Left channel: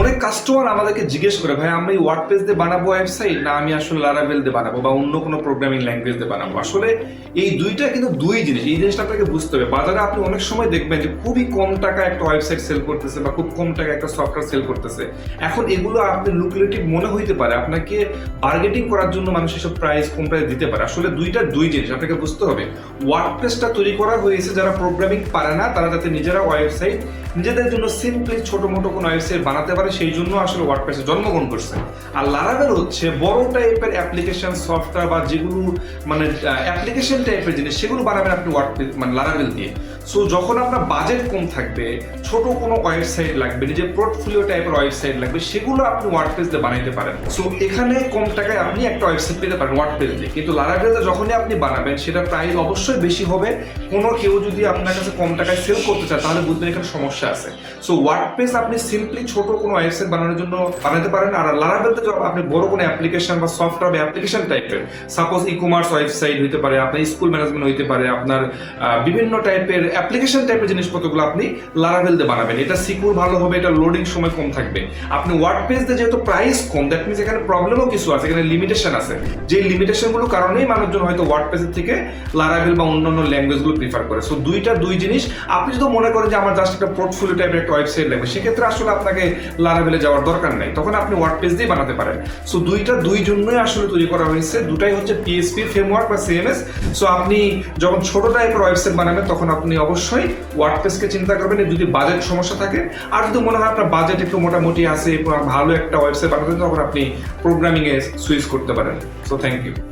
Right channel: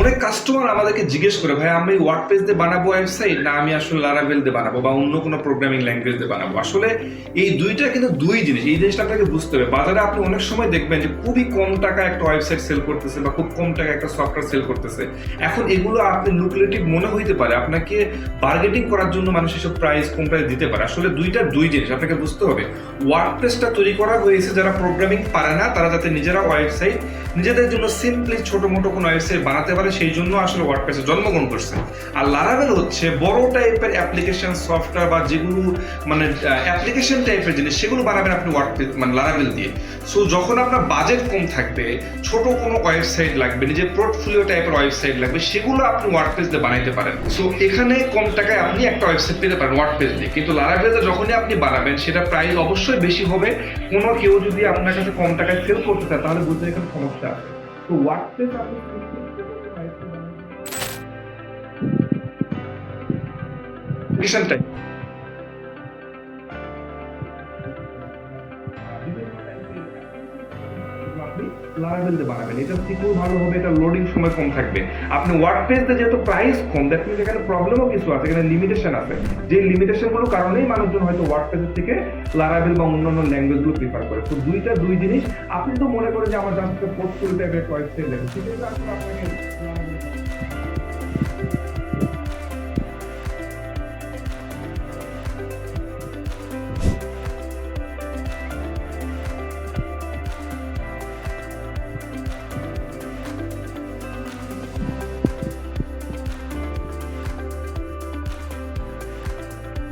অনেক কাস্টমার আমাদেরকে জিজ্ঞেস করে, ভাই আমি ওয়ার্ডপ্রেস দিয়ে বানাবো ওয়েবসাইট, না আমি আসলে লারাভেল দিয়ে বানাবো বা অন্য কোনো প্রোগ্রামিং ল্যাঙ্গুয়েজ দিয়ে বানাবো। আসলে এই দুইটা কিন্তু দুই জিনিস, এই জিনিসটা আপনাকে বুঝতে হবে। বাজারে আপনি অনেক সময় দেখবেন যে খুবই কম টাকা একটা ওয়েবসাইট সেল করতেছে বা খুব কম টাকা একটা সফটওয়্যার সেল করতেছে। এখন এগুলো আপনি লুক্রেটিভ মনে হইতে পারে, আপনাকে বার্গেটিং করার জন্য মানুষ এসব প্রাইস কম প্রাইস দিতে পারে। আসলে দুইটা দুই জিনিস আপনাকে বুঝতে হবে। ওয়ার্ডপ্রেসটা তৈরি করা হয়েছে যারা প্রোগ্রামিং পারে না, তারা যাতে নিজেরা ওয়েবসাইট নিজেদের জন্য সিম্পলি ছোট মোটো কোনো ওয়েবসাইট বানাতে পারে, সেই জন্য আসলে ওয়ার্ডপ্রেসে জন্মগ্রহণ করছে। আর লারাভেল হচ্ছে বড় টাইপের অ্যাপ্লিকেশন সফটওয়্যার বা যেগুলো মানে অ্যাপ্লিকেশন টাইপের জিনিস, সেগুলো বানাবেন আপনি ওয়ার্ডপ্রেস মানে লারাভেল দিয়ে। সো যখন আপনার বাজেট কম থাকবে, ছোট কোনো ওয়েবসাইট লাগবে, নিজের পোর্টফোলিও টাইপের ওয়েবসাইট লাগবে, সেগুলো আপনি ওয়ার্ডপ্রেস দিয়ে বানাইতে পারেন। সো এখানে কম টাকায় আপনি একটা ওয়েবসাইট পেতে পারেন ওয়ার্ডপ্রেস দিয়ে। কিন্তু লারাভেলটা যখনই আপনি বানাবেন সেটা প্রাইস অবশ্যই বেশি হবে। কোনো কেউ যদি আপনার কাছে কম টাকায় সেল করতে চায় তাহলে বুঝবেন এখানে সমস্যা আছে। সো ওয়ার্ডপ্রেস আপনি সিম্পলি ছোট কোনো ওয়েবসাইট বানানোর জন্য বানাতে পারেন। আর লারাভেলতে যখন আপনি বড় কোনো অ্যাপ্লিকেশন বা সফটওয়্যার অ্যাপ্লিকেশন টাইপের, সাপোজ ই কমার্স ওয়েবসাইট হইতে পারে, আপনার স্কুল ম্যানেজমেন্ট হইতে পারে, আপনার বিভিন্ন টাইপের অ্যাপ্লিকেশন টাইপের জিনিসপত্রগুলো আপনি লারাভেল দিয়ে বানাবেন। এটা সিকিউর ভালো হবে, এটা লোডিং সময় কম থাকবে। আপনি ওয়ার্ডপ্রেস দিয়ে যেহেতু প্রাইস কম, দ্যাট মিনস এখানে প্রবলেমও কিছু আছে, এখানে লিমিটেশন আছে। যে লিমিটেশনগুলোর কারণেই মানুষজন হয়তো ওয়ার্ডপ্রেসের থেকে লারাভেল বা অন্যান্য ল্যাঙ্গুয়েজগুলো প্রিফার করে। সো দুইটা দুই জিনিস। আপনি যদি মনে করেন যে আমার জাস্ট একটা পোর্টফোলিও টাইপের একটা ওয়েবসাইট লাগবে, সেক্ষেত্রে আসলে আপনাকে লারাভেলে যাওয়ার দরকার নাই, তখন আপনি ওয়ার্ডপ্রেস দিয়ে বানাতে পারেন। সো দুইটা দুই জন্যই আসলে তৈরি করা হয়েছে। দুটাই হচ্ছে পিএসপি ফ্রেমওয়ার্ক বা সিএমএস। সো আপনি যখন ছোট টাইপের ওয়েবসাইট বানাবেন তখন আপনি অবশ্যই ওয়ার্ডপ্রেসকে চিন্তা করবেন যদি বাজেট সমস্যা থাকে। আর যদি মনে হয় আপনার বাজেট একটু মোটামুটি আছে, ভালো একটা ওয়েবসাইট বানাতে, তখন আপনি প্রোগ্রামিং এ সুইচ করতে পারেন। So thank you.